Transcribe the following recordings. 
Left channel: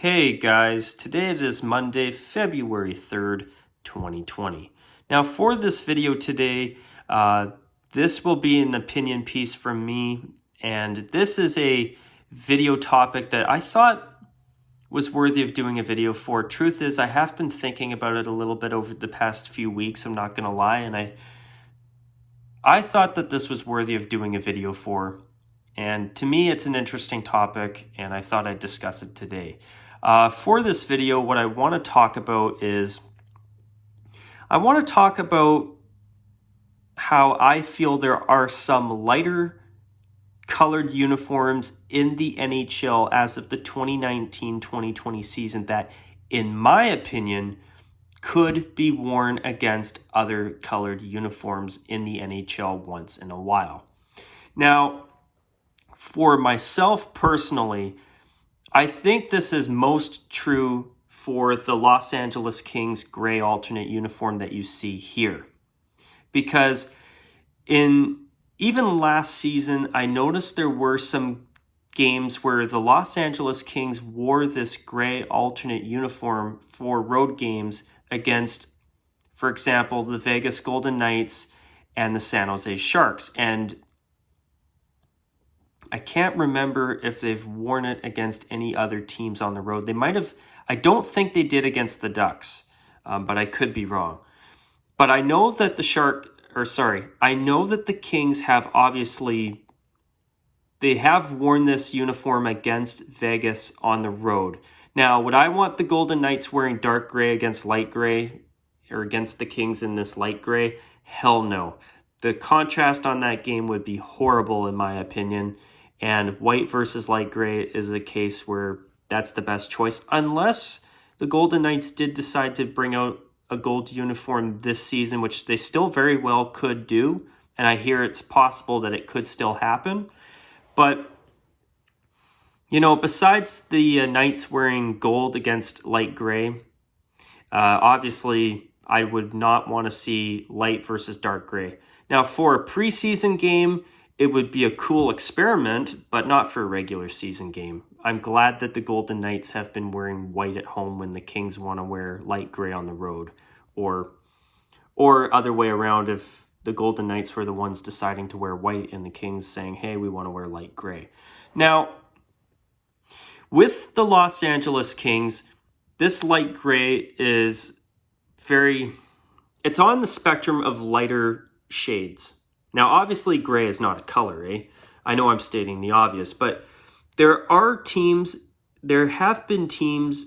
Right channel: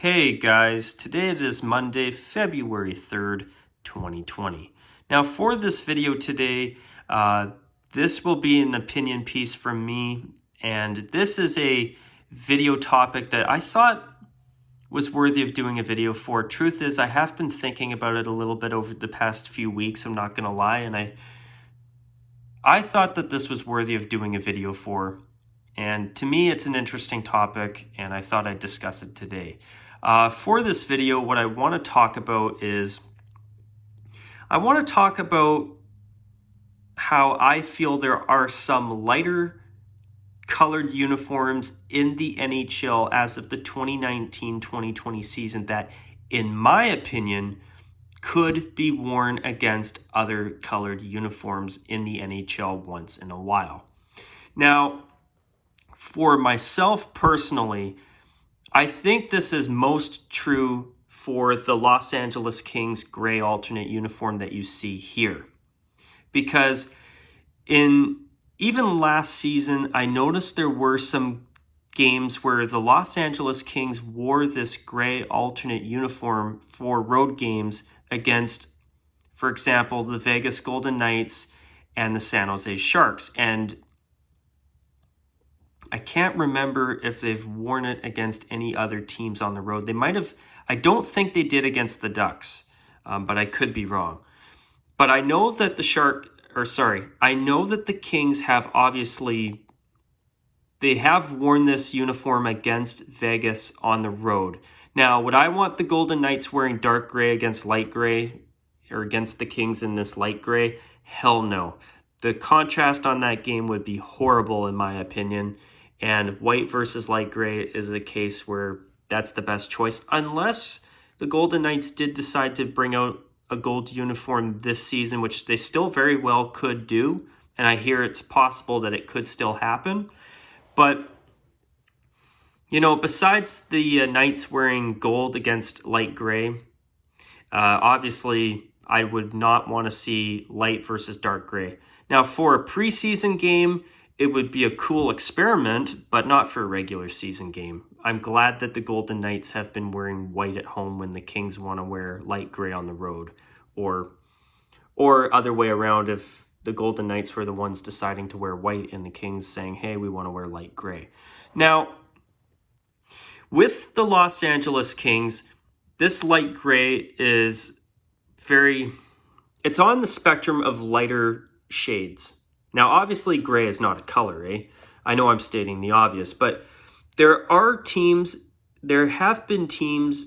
Hey guys, today it is Monday, February 3rd, 2020. Now for this video today, this will be an opinion piece from me, and this is a video topic that I thought was worthy of doing a video for. Truth is, I have been thinking about it a little bit over the past few weeks, I'm not gonna lie, and I thought that this was worthy of doing a video for. And to me, it's an interesting topic, and I thought I'd discuss it today. For this video, what I want to talk about is, I want to talk about how I feel there are some lighter colored uniforms in the NHL as of the 2019-2020 season that, in my opinion, could be worn against other colored uniforms in the NHL once in a while. Now, for myself personally, I think this is most true for the Los Angeles Kings gray alternate uniform that you see here. Because even last season, I noticed there were some games where the Los Angeles Kings wore this gray alternate uniform for road games against, for example, the Vegas Golden Knights and the San Jose Sharks. And I can't remember if they've worn it against any other teams on the road. They might have. I don't think they did against the Ducks, but I could be wrong. But I know that I know that the Kings have they have worn this uniform against Vegas on the road. Now, would I want the Golden Knights wearing dark gray against light gray, or against the Kings in this light gray? Hell no. The contrast on that game would be horrible in my opinion. And white versus light gray is a case where that's the best choice, unless the Golden Knights did decide to bring out a gold uniform this season, which they still very well could do. And I hear it's possible that it could still happen. But, you know, besides the Knights wearing gold against light gray, obviously I would not want to see light versus dark gray. Now, for a preseason game, it would be a cool experiment, but not for a regular season game. I'm glad that the Golden Knights have been wearing white at home when the Kings want to wear light gray on the road. Or other way around, if the Golden Knights were the ones deciding to wear white and the Kings saying, hey, we want to wear light gray. Now, with the Los Angeles Kings, this light gray is it's on the spectrum of lighter shades. Now, obviously, gray is not a color, eh? I know I'm stating the obvious, but there have been teams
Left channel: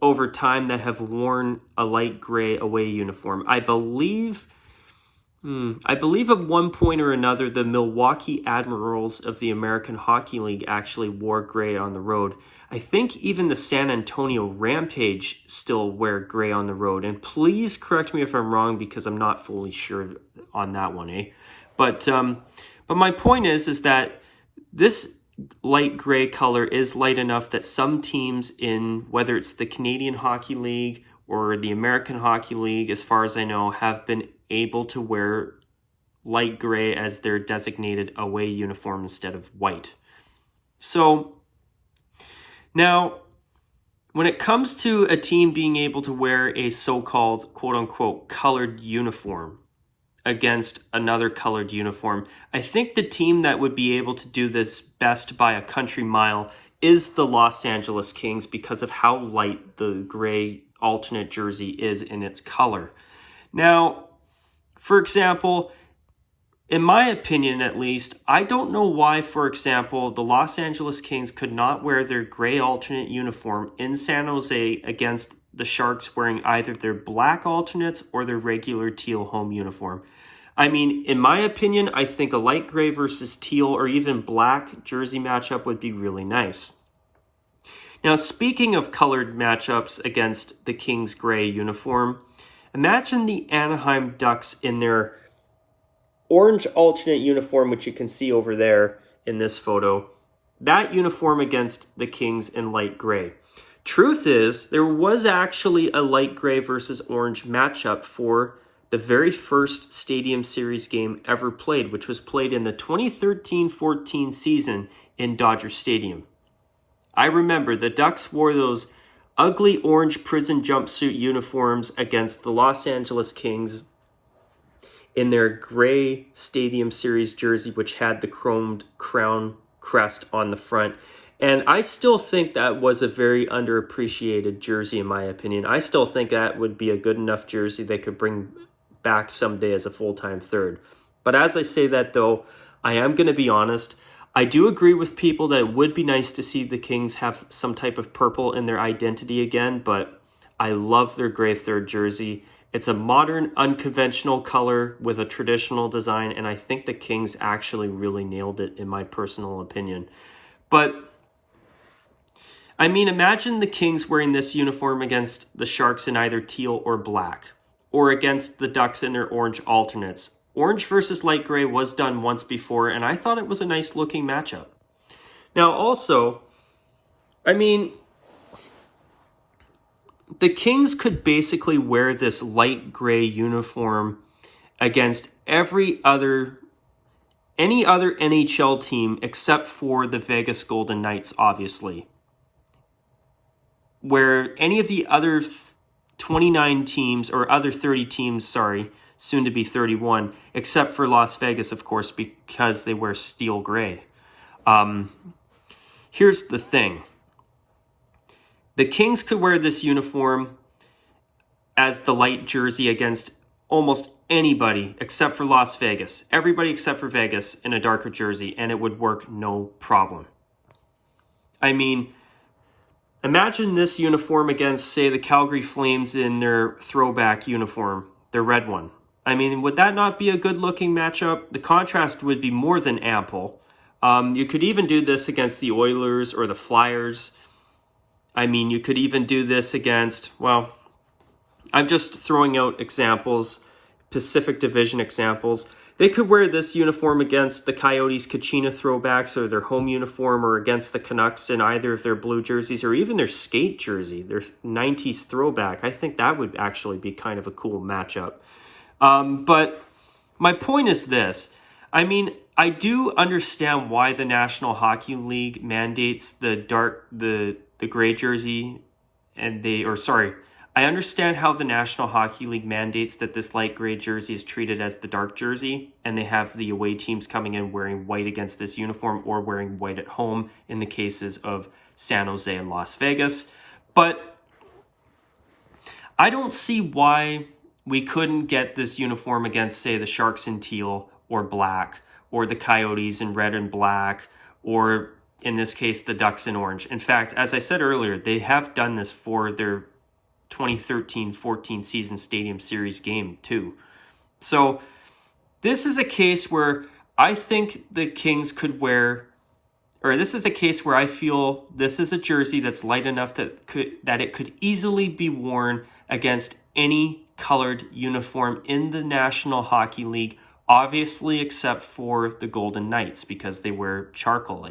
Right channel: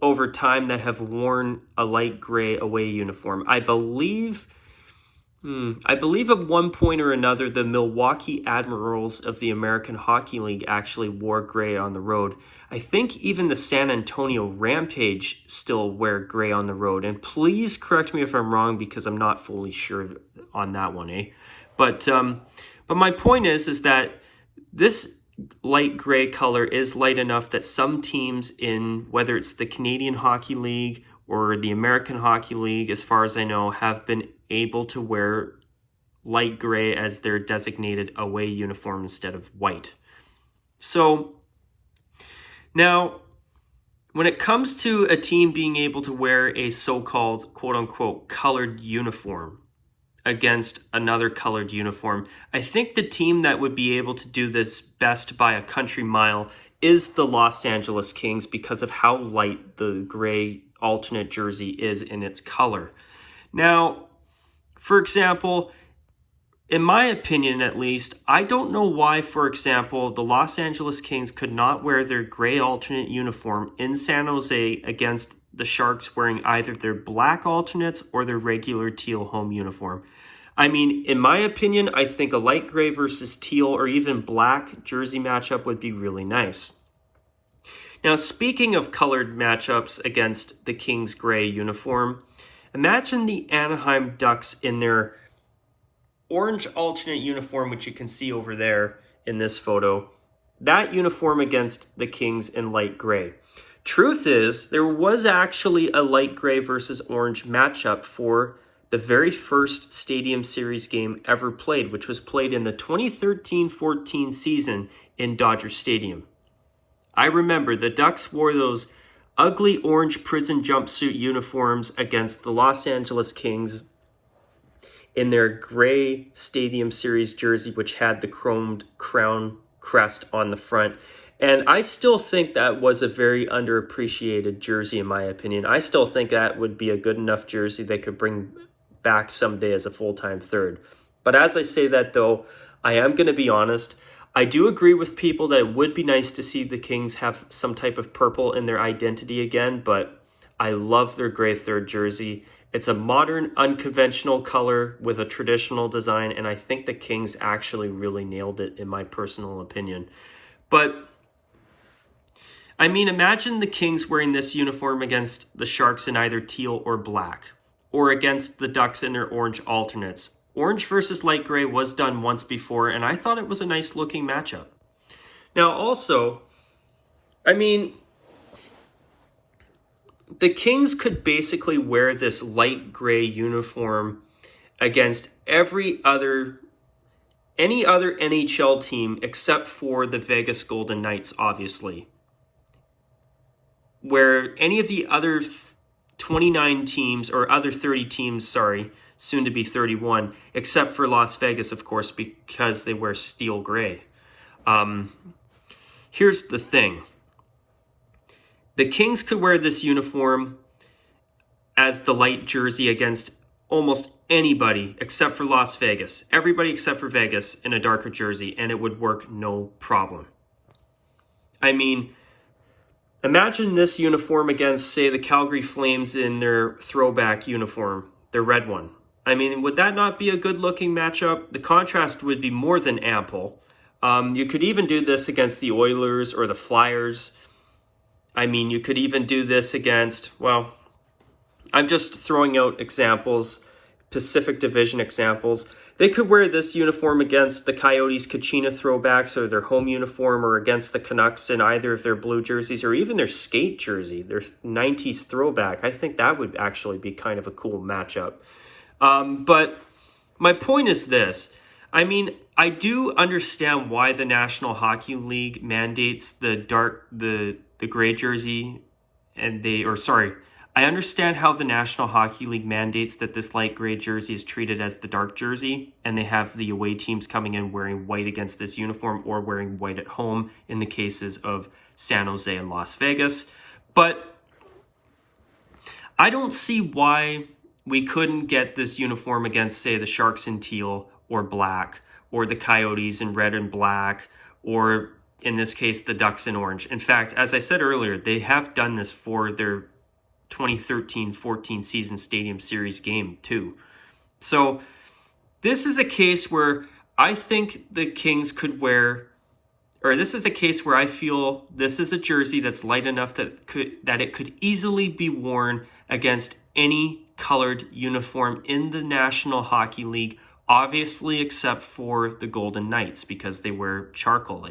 over time that have worn a light gray away uniform. I believe at one point or another, the Milwaukee Admirals of the American Hockey League actually wore gray on the road. I think even the San Antonio Rampage still wear gray on the road. And please correct me if I'm wrong, because I'm not fully sure on that one, eh? But my point is that this light gray color is light enough that some teams whether it's the Canadian Hockey League or the American Hockey League, as far as I know, have been able to wear light gray as their designated away uniform instead of white. So now, when it comes to a team being able to wear a so-called quote-unquote colored uniform against another colored uniform, I think the team that would be able to do this best by a country mile is the Los Angeles Kings, because of how light the gray alternate jersey is in its color. Now, for example, in my opinion at least, I don't know why, for example, the Los Angeles Kings could not wear their gray alternate uniform in San Jose against the Sharks wearing either their black alternates or their regular teal home uniform. I mean, in my opinion, I think a light gray versus teal or even black jersey matchup would be really nice. Now, speaking of colored matchups against the Kings gray uniform, imagine the Anaheim Ducks in their orange alternate uniform, which you can see over there in this photo. That uniform against the Kings in light gray. Truth is, there was actually a light gray versus orange matchup for the very first Stadium Series game ever played, which was played in the 2013-14 season in Dodger Stadium. I remember the Ducks wore those ugly orange prison jumpsuit uniforms against the Los Angeles Kings in their gray Stadium Series jersey, which had the chromed crown crest on the front. And I still think that was a very underappreciated jersey, in my opinion. I still think that would be a good enough jersey they could bring back someday as a full-time third. But as I say that, though, I am going to be honest. I do agree with people that it would be nice to see the Kings have some type of purple in their identity again, but I love their gray third jersey. It's a modern, unconventional color with a traditional design, and I think the Kings actually really nailed it, in my personal opinion. But, I mean, imagine the Kings wearing this uniform against the Sharks in either teal or black, or against the Ducks in their orange alternates. Orange versus light gray was done once before, and I thought it was a nice-looking matchup. Now, also, I mean, the Kings could basically wear this light gray uniform against any other NHL team except for the Vegas Golden Knights, obviously. Where any of the other 29 teams, or other 30 teams, sorry, soon to be 31, except for Las Vegas, of course, because they wear steel gray. Here's the thing. The Kings could wear this uniform as the light jersey against almost anybody except for Las Vegas. Everybody except for Vegas in a darker jersey, and it would work no problem. I mean, imagine this uniform against, say, the Calgary Flames in their throwback uniform, their red one. I mean, would that not be a good-looking matchup? The contrast would be more than ample. You could even do this against the Oilers or the Flyers. I mean, you could even do this against, well, I'm just throwing out examples, Pacific Division examples. They could wear this uniform against the Coyotes Kachina throwbacks or their home uniform, or against the Canucks in either of their blue jerseys, or even their skate jersey, their 90s throwback. I think that would actually be kind of a cool matchup. But my point is this. I mean, I do understand why the National Hockey League mandates the gray jersey, I understand how the National Hockey League mandates that this light gray jersey is treated as the dark jersey, and they have the away teams coming in wearing white against this uniform, or wearing white at home in the cases of San Jose and Las Vegas. But I don't see why we couldn't get this uniform against, say, the Sharks in teal or black, or the Coyotes in red and black, or in this case, the Ducks in orange. In fact, as I said earlier, they have done this for their 2013-14 season Stadium Series game too. So this is a case where I think the Kings could wear, or this is a case where I feel this is a jersey that's light enough that it could easily be worn against any colored uniform in the National Hockey League, obviously except for the Golden Knights, because they wear charcoal,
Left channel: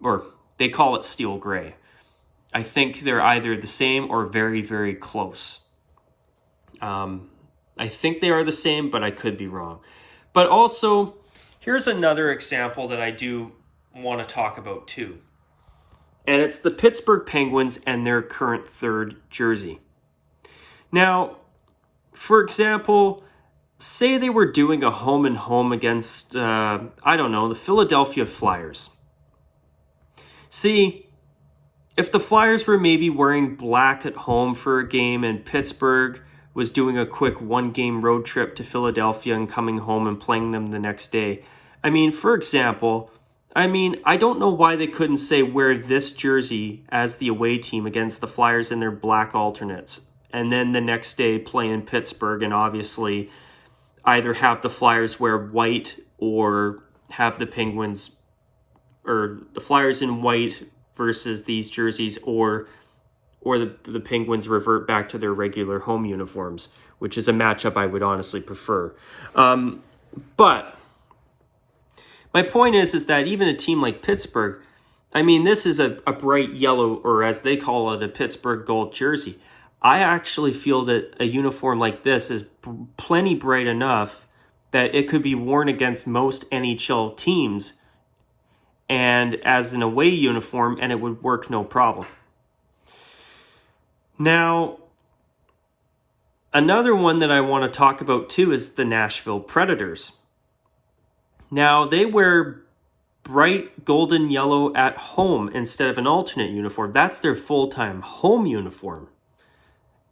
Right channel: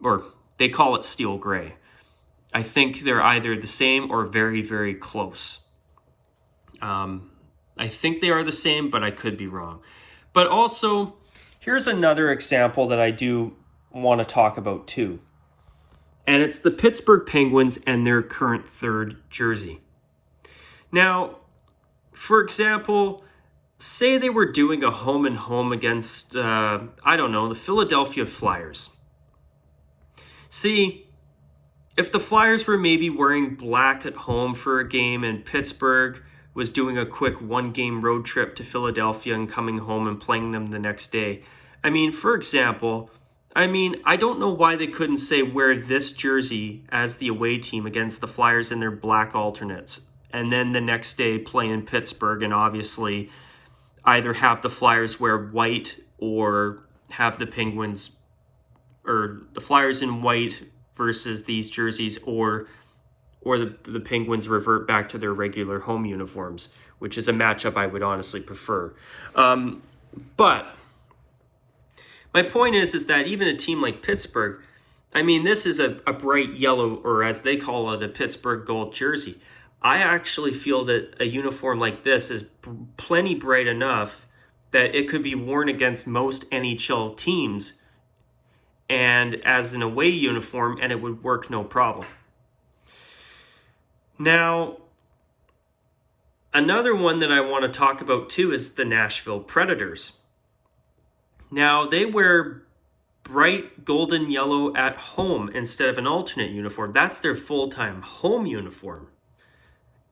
or they call it steel gray. I think they're either the same or very, very close. I think they are the same, but I could be wrong. But also, here's another example that I do want to talk about too. And it's the Pittsburgh Penguins and their current third jersey. Now, for example, say they were doing a home and home against, the Philadelphia Flyers. See, if the Flyers were maybe wearing black at home for a game, and Pittsburgh was doing a quick one-game road trip to Philadelphia and coming home and playing them the next day. I mean, for example, I don't know why they couldn't say wear this jersey as the away team against the Flyers in their black alternates, and then the next day play in Pittsburgh, and obviously either have the Flyers wear white or have the Penguins, or the Flyers in white versus these jerseys, or the Penguins revert back to their regular home uniforms, which is a matchup I would honestly prefer. But my point is that even a team like Pittsburgh, this is a bright yellow, or as they call it, a Pittsburgh gold jersey. I actually feel that a uniform like this is plenty bright enough that it could be worn against most NHL teams, and as an away uniform, and it would work no problem. Now, another one that I want to talk about too is the Nashville Predators. Now, they wear bright golden yellow at home instead of an alternate uniform. That's their full-time home uniform.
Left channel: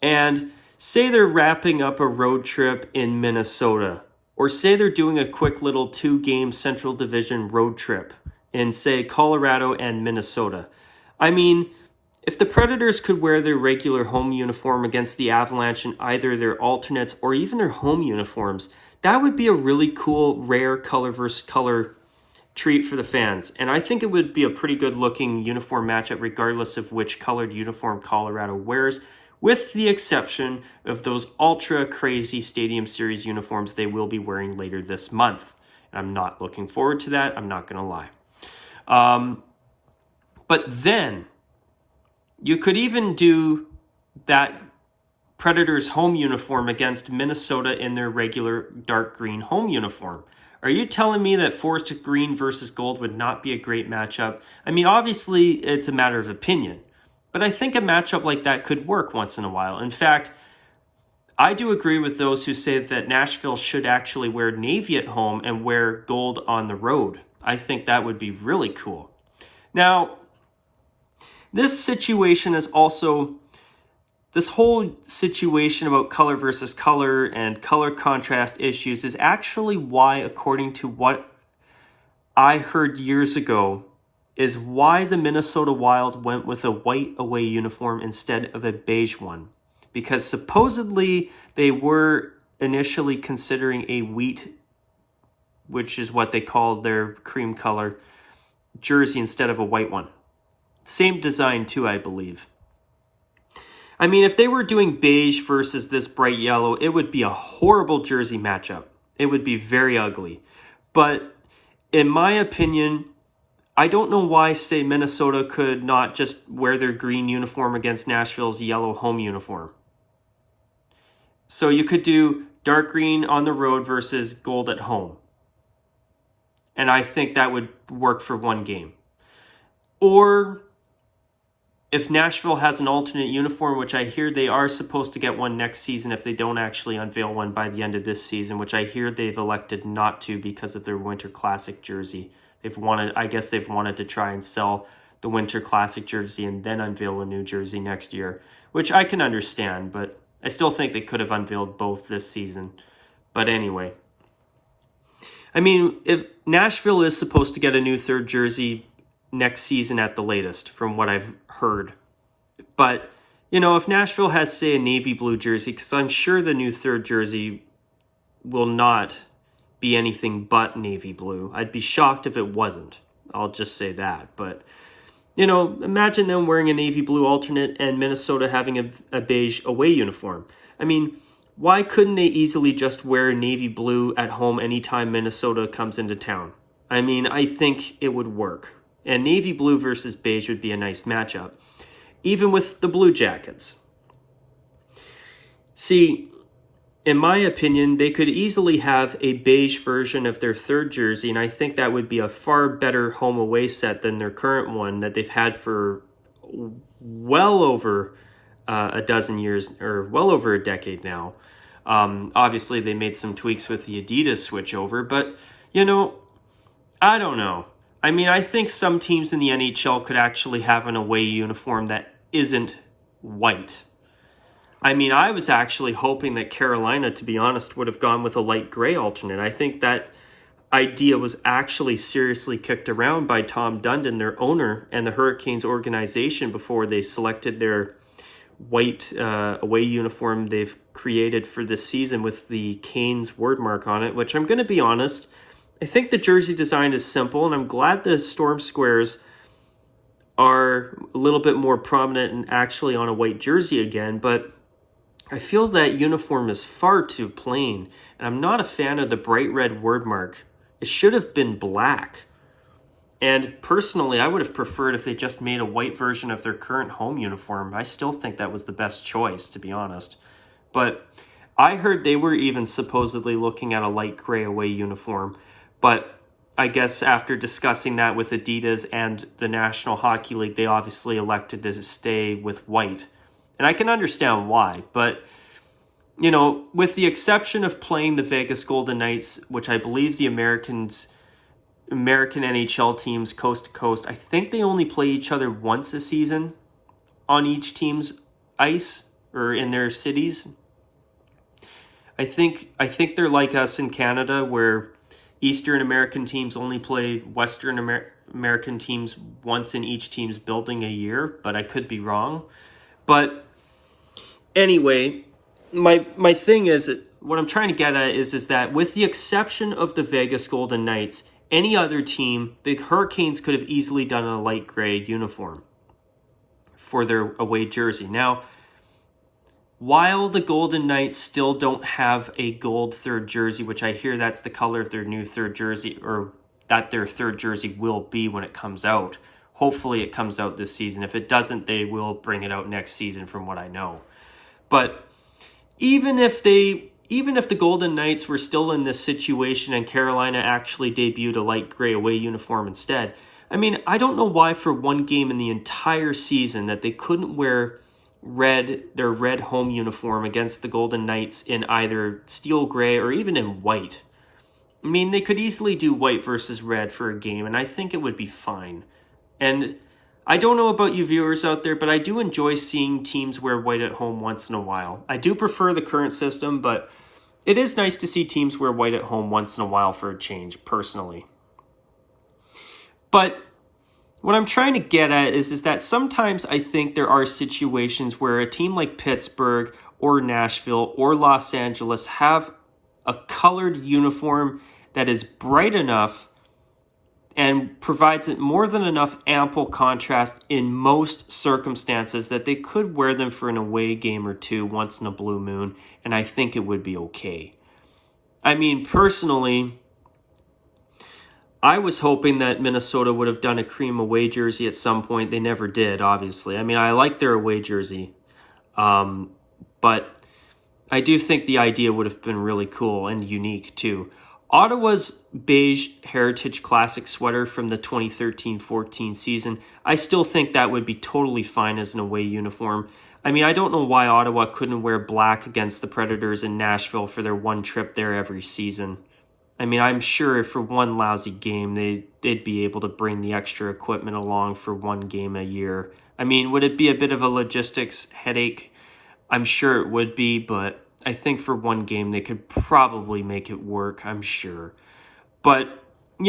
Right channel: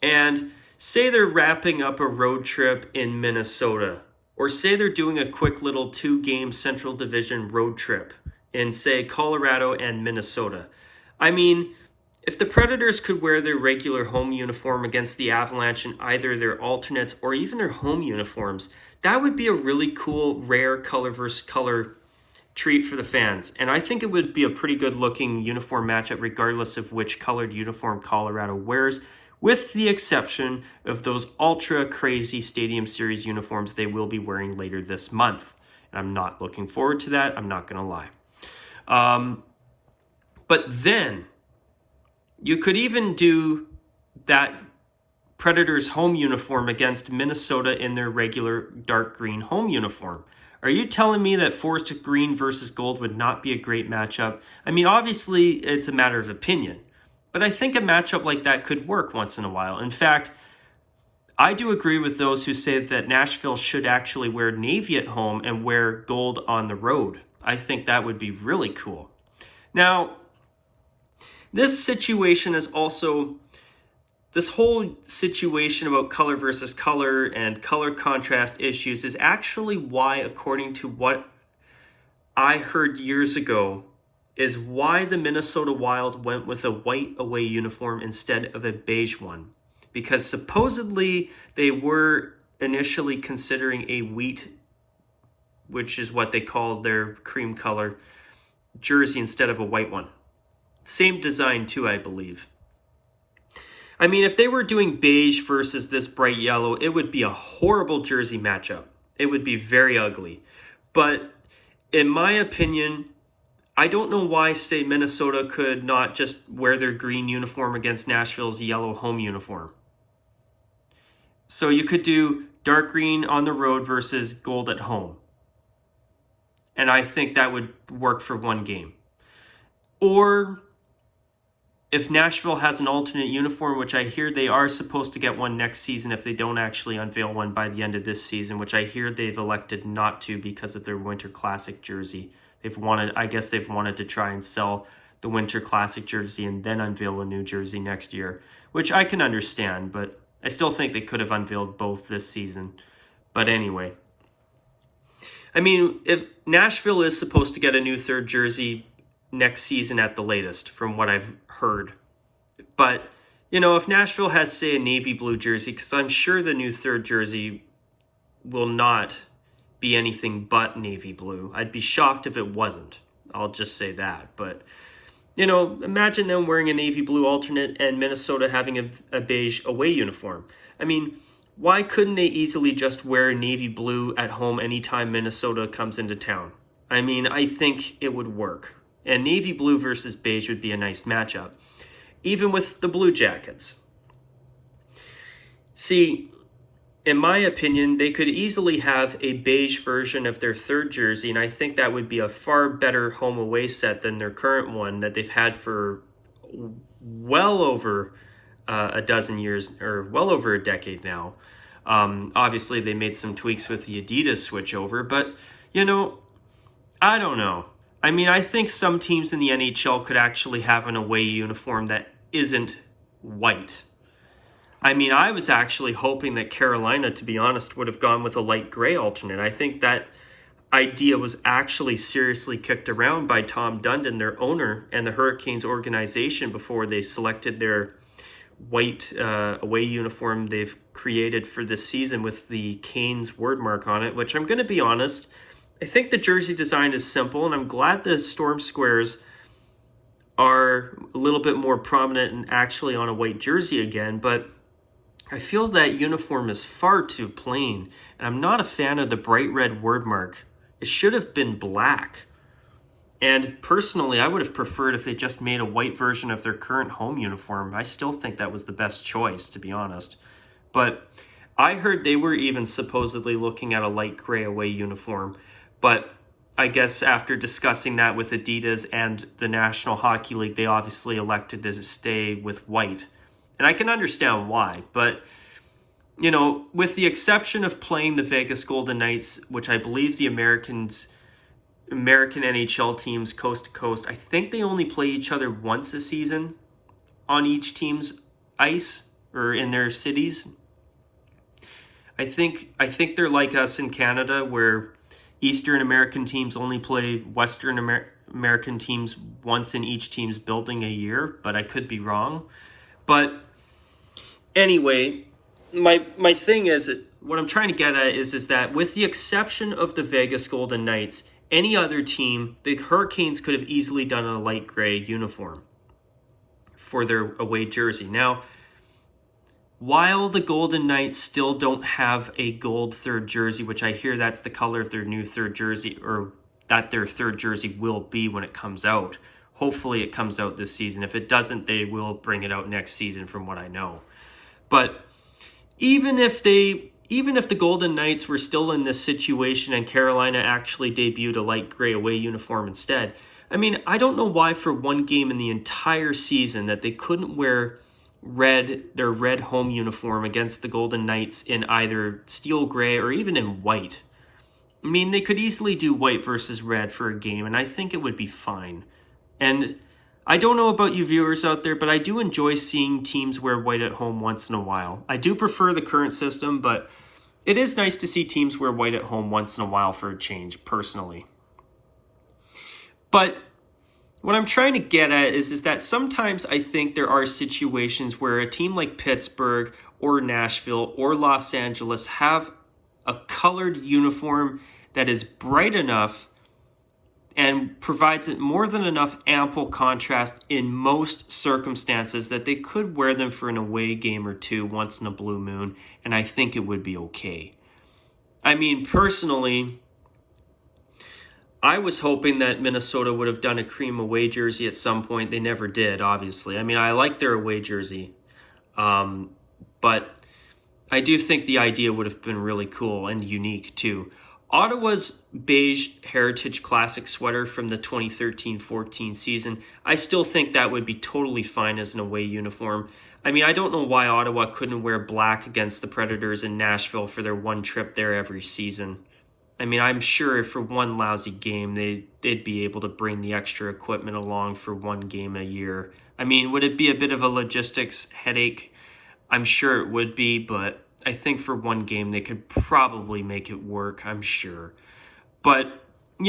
And say they're wrapping up a road trip in Minnesota, or say they're doing a quick little 2-game Central Division road trip in, say, Colorado and Minnesota. I mean, if the Predators could wear their regular home uniform against the Avalanche in either their alternates or even their home uniforms, that would be a really cool, rare color versus color treat for the fans. And I think it would be a pretty good looking uniform matchup regardless of which colored uniform Colorado wears, with the exception of those ultra crazy Stadium Series uniforms they will be wearing later this month. And I'm not looking forward to that, I'm not going to lie. But then you could even do that Predators home uniform against Minnesota in their regular dark green home uniform. Are you telling me that forest green versus gold would not be a great matchup? I mean, obviously, it's a matter of opinion. But I think a matchup like that could work once in a while. In fact, I do agree with those who say that Nashville should actually wear navy at home and wear gold on the road. I think that would be really cool. Now, this situation is also, this whole situation about color versus color and color contrast issues is actually why, according to what I heard years ago, is why the Minnesota Wild went with a white away uniform instead of a beige one. Because supposedly they were initially considering a wheat, which is what they called their cream color, jersey instead of a white one. Same design too, I believe. I mean, if they were doing beige versus this bright yellow, it would be a horrible jersey matchup. It would be very ugly. But in my opinion, I don't know why, say, Minnesota could not just wear their green uniform against Nashville's yellow home uniform. So you could do dark green on the road versus gold at home. And I think that would work for one game. Or if Nashville has an alternate uniform, which I hear they are supposed to get one next season if they don't actually unveil one by the end of this season, which I hear they've elected not to because of their Winter Classic jersey. I guess they've wanted to try and sell the Winter Classic jersey and then unveil a new jersey next year, which I can understand, but I still think they could have unveiled both this season. But anyway, I mean, if Nashville is supposed to get a new third jersey next season at the latest, from what I've heard. But, you know, if Nashville has, say, a navy blue jersey, because I'm sure the new third jersey will not be anything but navy blue. I'd be shocked if it wasn't. I'll just say that. But, you know, imagine them wearing a navy blue alternate and Minnesota having a beige away uniform. I mean, why couldn't they easily just wear navy blue at home anytime Minnesota comes into town? I mean, I think it would work. And navy blue versus beige would be a nice matchup, even with the Blue Jackets. See, in my opinion, they could easily have a beige version of their third jersey, and I think that would be a far better home-away set than their current one that they've had for well over a dozen years, or well over a decade now. Obviously, they made some tweaks with the Adidas switchover, but, you know, I don't know. I mean, I think some teams in the NHL could actually have an away uniform that isn't white. I mean, I was actually hoping that Carolina, to be honest, would have gone with a light gray alternate. I think that idea was actually seriously kicked around by Tom Dundon, their owner, and the Hurricanes organization before they selected their white away uniform they've created for this season with the Canes wordmark on it, which I'm going to be honest, I think the jersey design is simple, and I'm glad the Storm Squares are a little bit more prominent and actually on a white jersey again, but I feel that uniform is far too plain, and I'm not a fan of the bright red word mark. It should have been black. And personally, I would have preferred if they just made a white version of their current home uniform. I still think that was the best choice, to be honest. But I heard they were even supposedly looking at a light gray away uniform. But I guess after discussing that with Adidas and the National Hockey League, they obviously elected to stay with white. And I can understand why, but with the exception of playing the Vegas Golden Knights, which I believe the American NHL teams coast to coast, I think they only play each other once a season on each team's ice or in their cities. I think they're like us in Canada, where Eastern American teams only play Western American teams once in each team's building a year, but I could be wrong. But anyway, my thing is, what I'm trying to get at is that with the exception of the Vegas Golden Knights, any other team, the Hurricanes could have easily done a light gray uniform for their away jersey. Now, while the Golden Knights still don't have a gold third jersey, which I hear that's the color of their new third jersey, or that their third jersey will be when it comes out. Hopefully it comes out this season. If it doesn't, they will bring it out next season from what I know. But even if the Golden Knights were still in this situation and Carolina actually debuted a light gray away uniform instead, I mean, I don't know why for one game in the entire season that they couldn't wear their red home uniform against the Golden Knights in either steel gray or even in white. I mean, they could easily do white versus red for a game, and I think it would be fine. And I don't know about you viewers out there, but I do enjoy seeing teams wear white at home once in a while. I do prefer the current system, but it is nice to see teams wear white at home once in a while for a change, personally. But what I'm trying to get at is that sometimes I think there are situations where a team like Pittsburgh or Nashville or Los Angeles have a colored uniform that is bright enough and provides more than enough ample contrast in most circumstances that they could wear them for an away game or two once in a blue moon, and I think it would be okay. I mean, personally, I was hoping that Minnesota would have done a cream away jersey at some point. They never did, obviously. I mean, I like their away jersey, but I do think the idea would have been really cool and unique, too. Ottawa's beige Heritage Classic sweater from the 2013-14 season, I still think that would be totally fine as an away uniform. I mean, I don't know why Ottawa couldn't wear black against the Predators in Nashville for their one trip there every season. I mean, I'm sure for one lousy game, they'd be able to bring the extra equipment along for one game a year. I mean, would it be a bit of a logistics headache? I'm sure it would be, but I think for one game they could probably make it work, I'm sure. But, I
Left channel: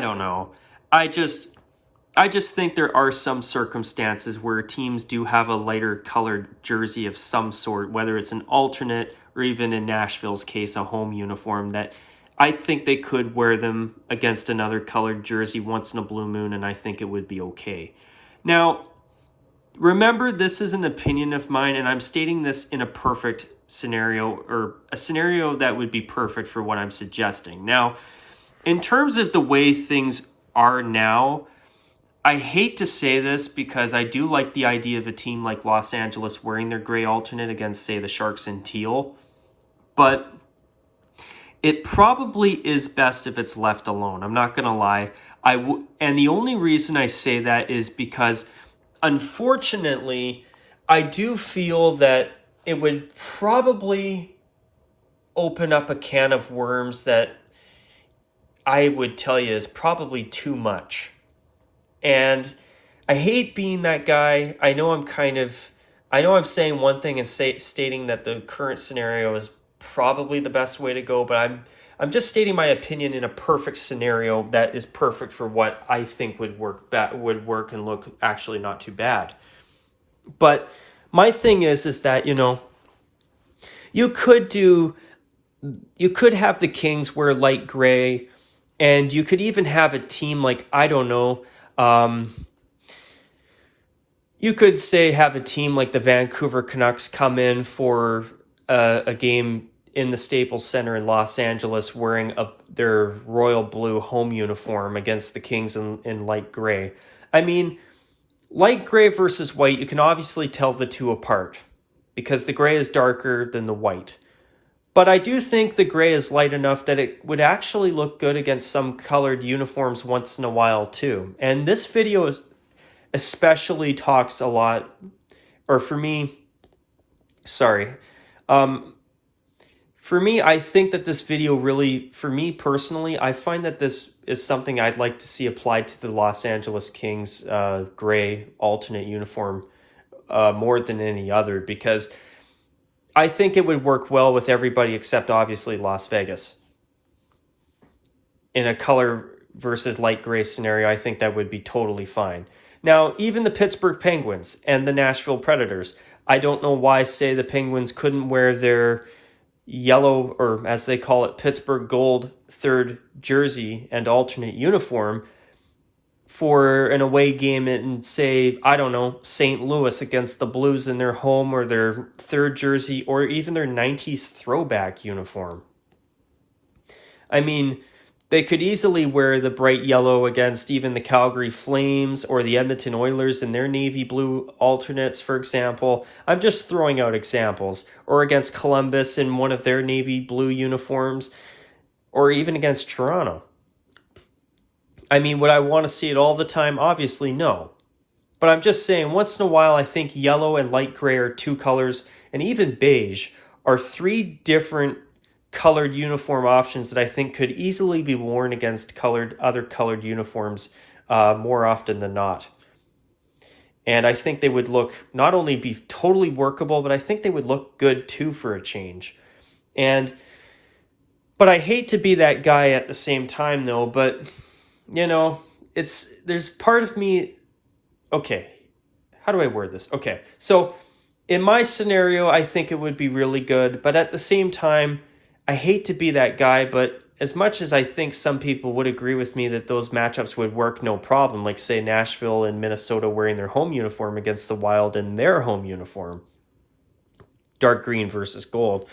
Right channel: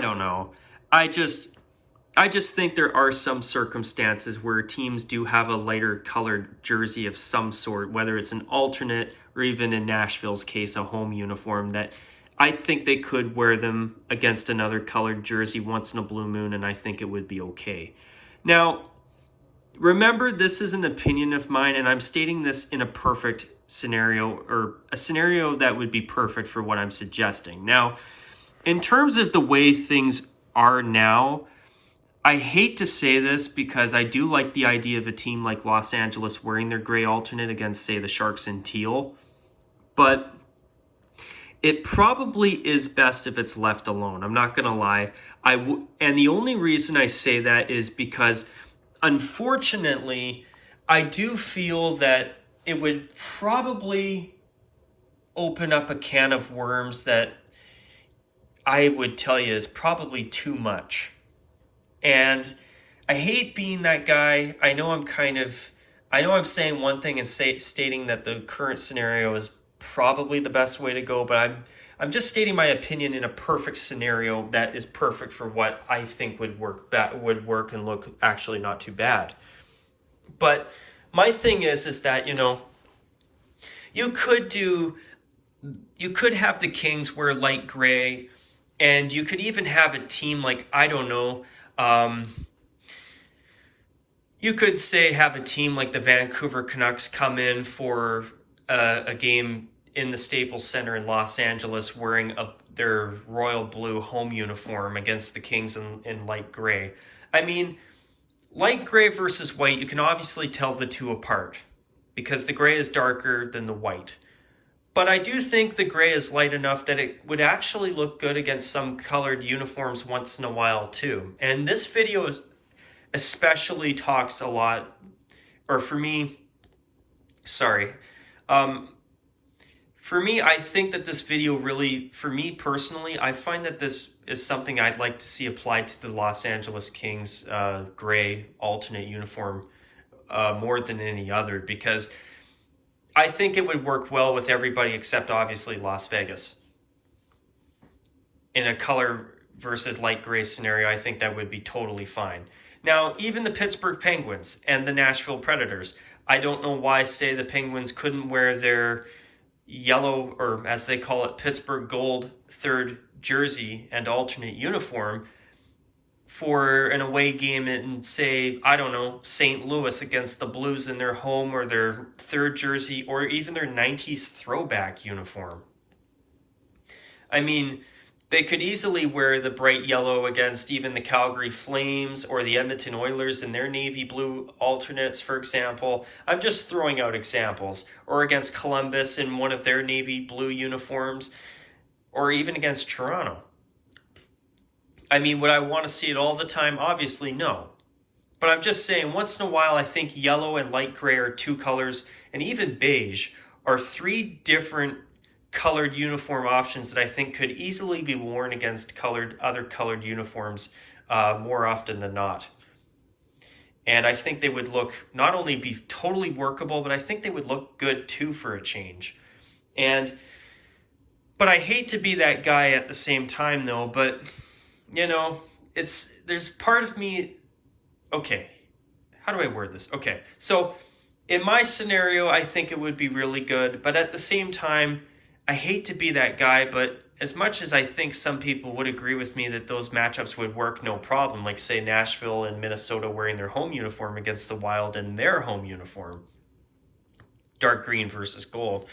don't know. I just think there are some circumstances where teams do have a lighter colored jersey of some sort, whether it's an alternate or even in Nashville's case, a home uniform, that I think they could wear them against another colored jersey once in a blue moon, and I think it would be okay. Now, remember, this is an opinion of mine, and I'm stating this in a perfect scenario, or a scenario that would be perfect for what I'm suggesting. Now, in terms of the way things are now, I hate to say this because I do like the idea of a team like Los Angeles wearing their gray alternate against, say, the Sharks in teal, but it probably is best if it's left alone. I'm not going to lie. And the only reason I say that is because, unfortunately, I do feel that it would probably open up a can of worms that I would tell you is probably too much. And I hate being that guy. I know I'm saying one thing and stating that the current scenario is probably the best way to go, but I'm just stating my opinion in a perfect scenario that is perfect for what I think would work and look actually not too bad. But my thing is that, you could have the Kings wear light gray, and you could even have a team like, I don't know, you could say have a team like the Vancouver Canucks come in for a game in the Staples Center in Los Angeles wearing their royal blue home uniform against the Kings in light gray. I mean, light gray versus white, you can obviously tell the two apart because the gray is darker than the white. But I do think the gray is light enough that it would actually look good against some colored uniforms once in a while too. And this video especially talks a lot, or for me, sorry, for me, I think that this video really, for me personally, I find that this is something I'd like to see applied to the Los Angeles Kings gray alternate uniform more than any other, because I think it would work well with everybody except obviously Las Vegas. In a color versus light gray scenario, I think that would be totally fine. Now, even the Pittsburgh Penguins and the Nashville Predators, I don't know why, say, the Penguins couldn't wear their yellow, or as they call it, Pittsburgh Gold third jersey and alternate uniform for an away game in, say, I don't know, St. Louis against the Blues in their home, or their third jersey, or even their 90s throwback uniform. I mean, they could easily wear the bright yellow against even the Calgary Flames or the Edmonton Oilers in their navy blue alternates, for example. I'm just throwing out examples. Or against Columbus in one of their navy blue uniforms, or even against Toronto. I mean, would I want to see it all the time? Obviously, no. But I'm just saying, once in a while, I think yellow and light gray are two colors, and even beige are three different colored uniform options that I think could easily be worn against other colored uniforms more often than not. And I think they would look, not only be totally workable, but I think they would look good too for a change. But I hate to be that guy at the same time though, but you know, there's part of me, okay, how do I word this? Okay, so in my scenario, I think it would be really good, but at the same time, I hate to be that guy, but as much as I think some people would agree with me that those matchups would work no problem, like say Nashville and Minnesota wearing their home uniform against the Wild in their home uniform, dark green versus gold.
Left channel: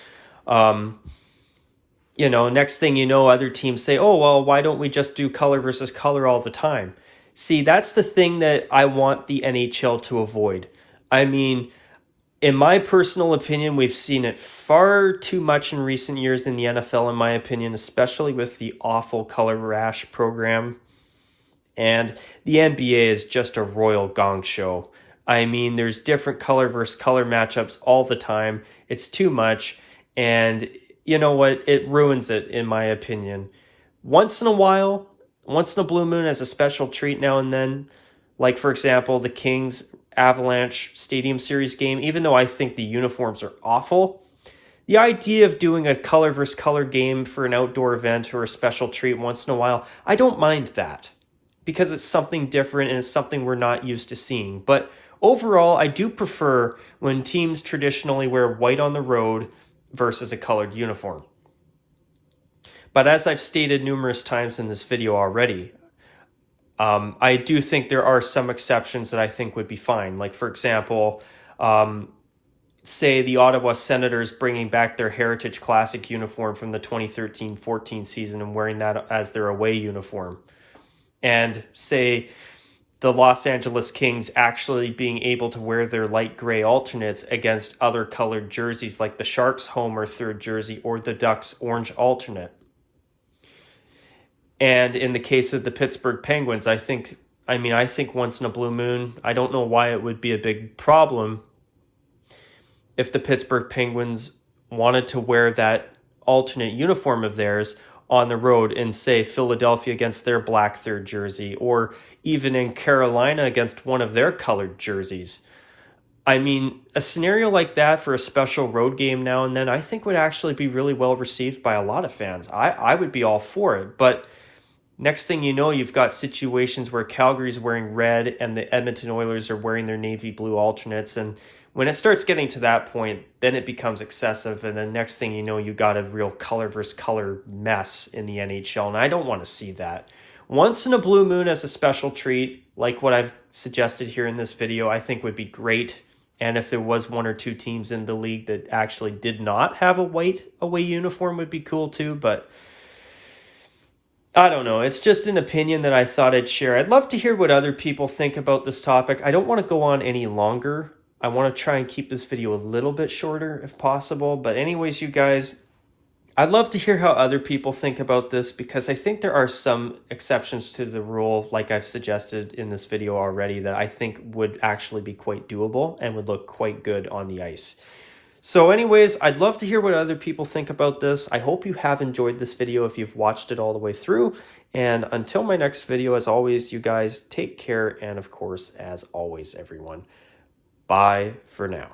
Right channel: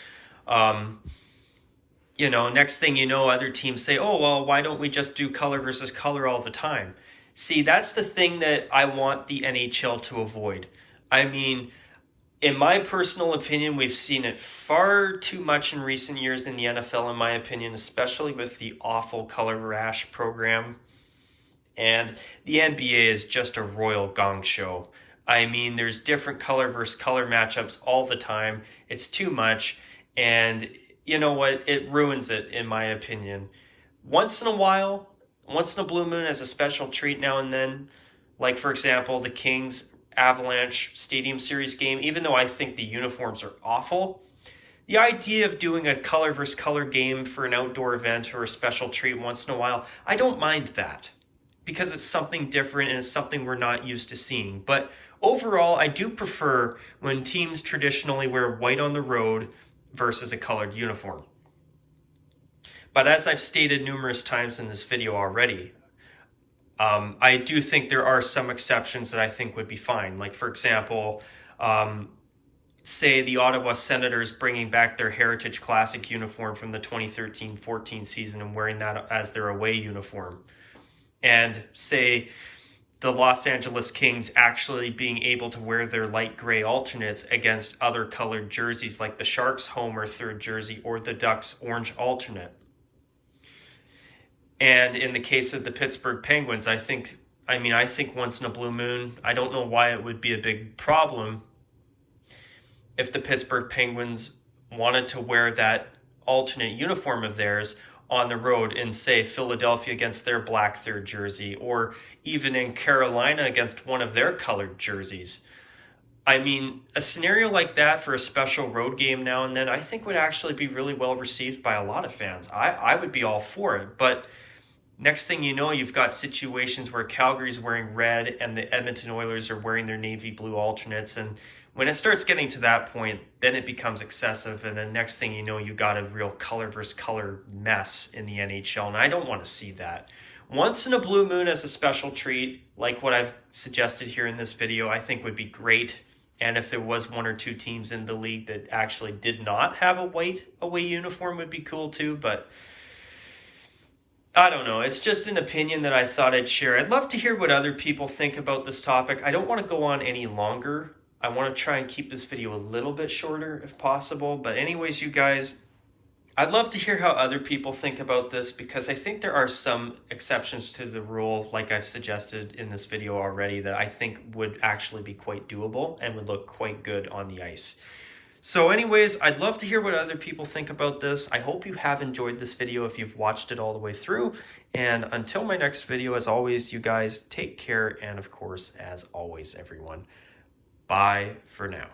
You know, next thing you know, other teams say, oh, well, why don't we just do color versus color all the time? See, that's the thing that I want the NHL to avoid. I mean, in my personal opinion, we've seen it far too much in recent years in the NFL, in my opinion, especially with the awful color rash program. And the NBA is just a royal gong show. I mean, there's different color versus color matchups all the time. It's too much. And you know what? It ruins it, in my opinion. Once in a while, once in a blue moon as a special treat now and then, like, for example, the Kings Avalanche Stadium Series game, even though I think the uniforms are awful, the idea of doing a color versus color game for an outdoor event or a special treat once in a while, I don't mind that, because it's something different and it's something we're not used to seeing. But overall, I do prefer when teams traditionally wear white on the road versus a colored uniform. But as I've stated numerous times in this video already, I do think there are some exceptions that I think would be fine. Like, for example, say the Ottawa Senators bringing back their Heritage Classic uniform from the 2013-14 season and wearing that as their away uniform. And say the Los Angeles Kings actually being able to wear their light gray alternates against other colored jerseys, like the Sharks home or third jersey or the Ducks orange alternate. And in the case of the Pittsburgh Penguins, I think once in a blue moon, I don't know why it would be a big problem if the Pittsburgh Penguins wanted to wear that alternate uniform of theirs on the road in, say, Philadelphia against their black third jersey, or even in Carolina against one of their colored jerseys. I mean, a scenario like that for a special road game now and then, I think would actually be really well received by a lot of fans. I would be all for it, but next thing you know, you've got situations where Calgary's wearing red and the Edmonton Oilers are wearing their navy blue alternates. And when it starts getting to that point, then it becomes excessive. And then next thing you know, you got a real color versus color mess in the NHL. And I don't want to see that. Once in a blue moon as a special treat, like what I've suggested here in this video, I think would be great. And if there was one or two teams in the league that actually did not have a white away uniform, would be cool too. But I don't know. It's just an opinion that I thought I'd share. I'd love to hear what other people think about this topic. I don't want to go on any longer. I want to try and keep this video a little bit shorter if possible. But anyways, you guys, I'd love to hear how other people think about this, because I think there are some exceptions to the rule, like I've suggested in this video already, that I think would actually be quite doable and would look quite good on the ice. So anyways, I'd love to hear what other people think about this. I hope you have enjoyed this video if you've watched it all the way through. And until my next video, as always, you guys take care. And of course, as always, everyone, bye for now.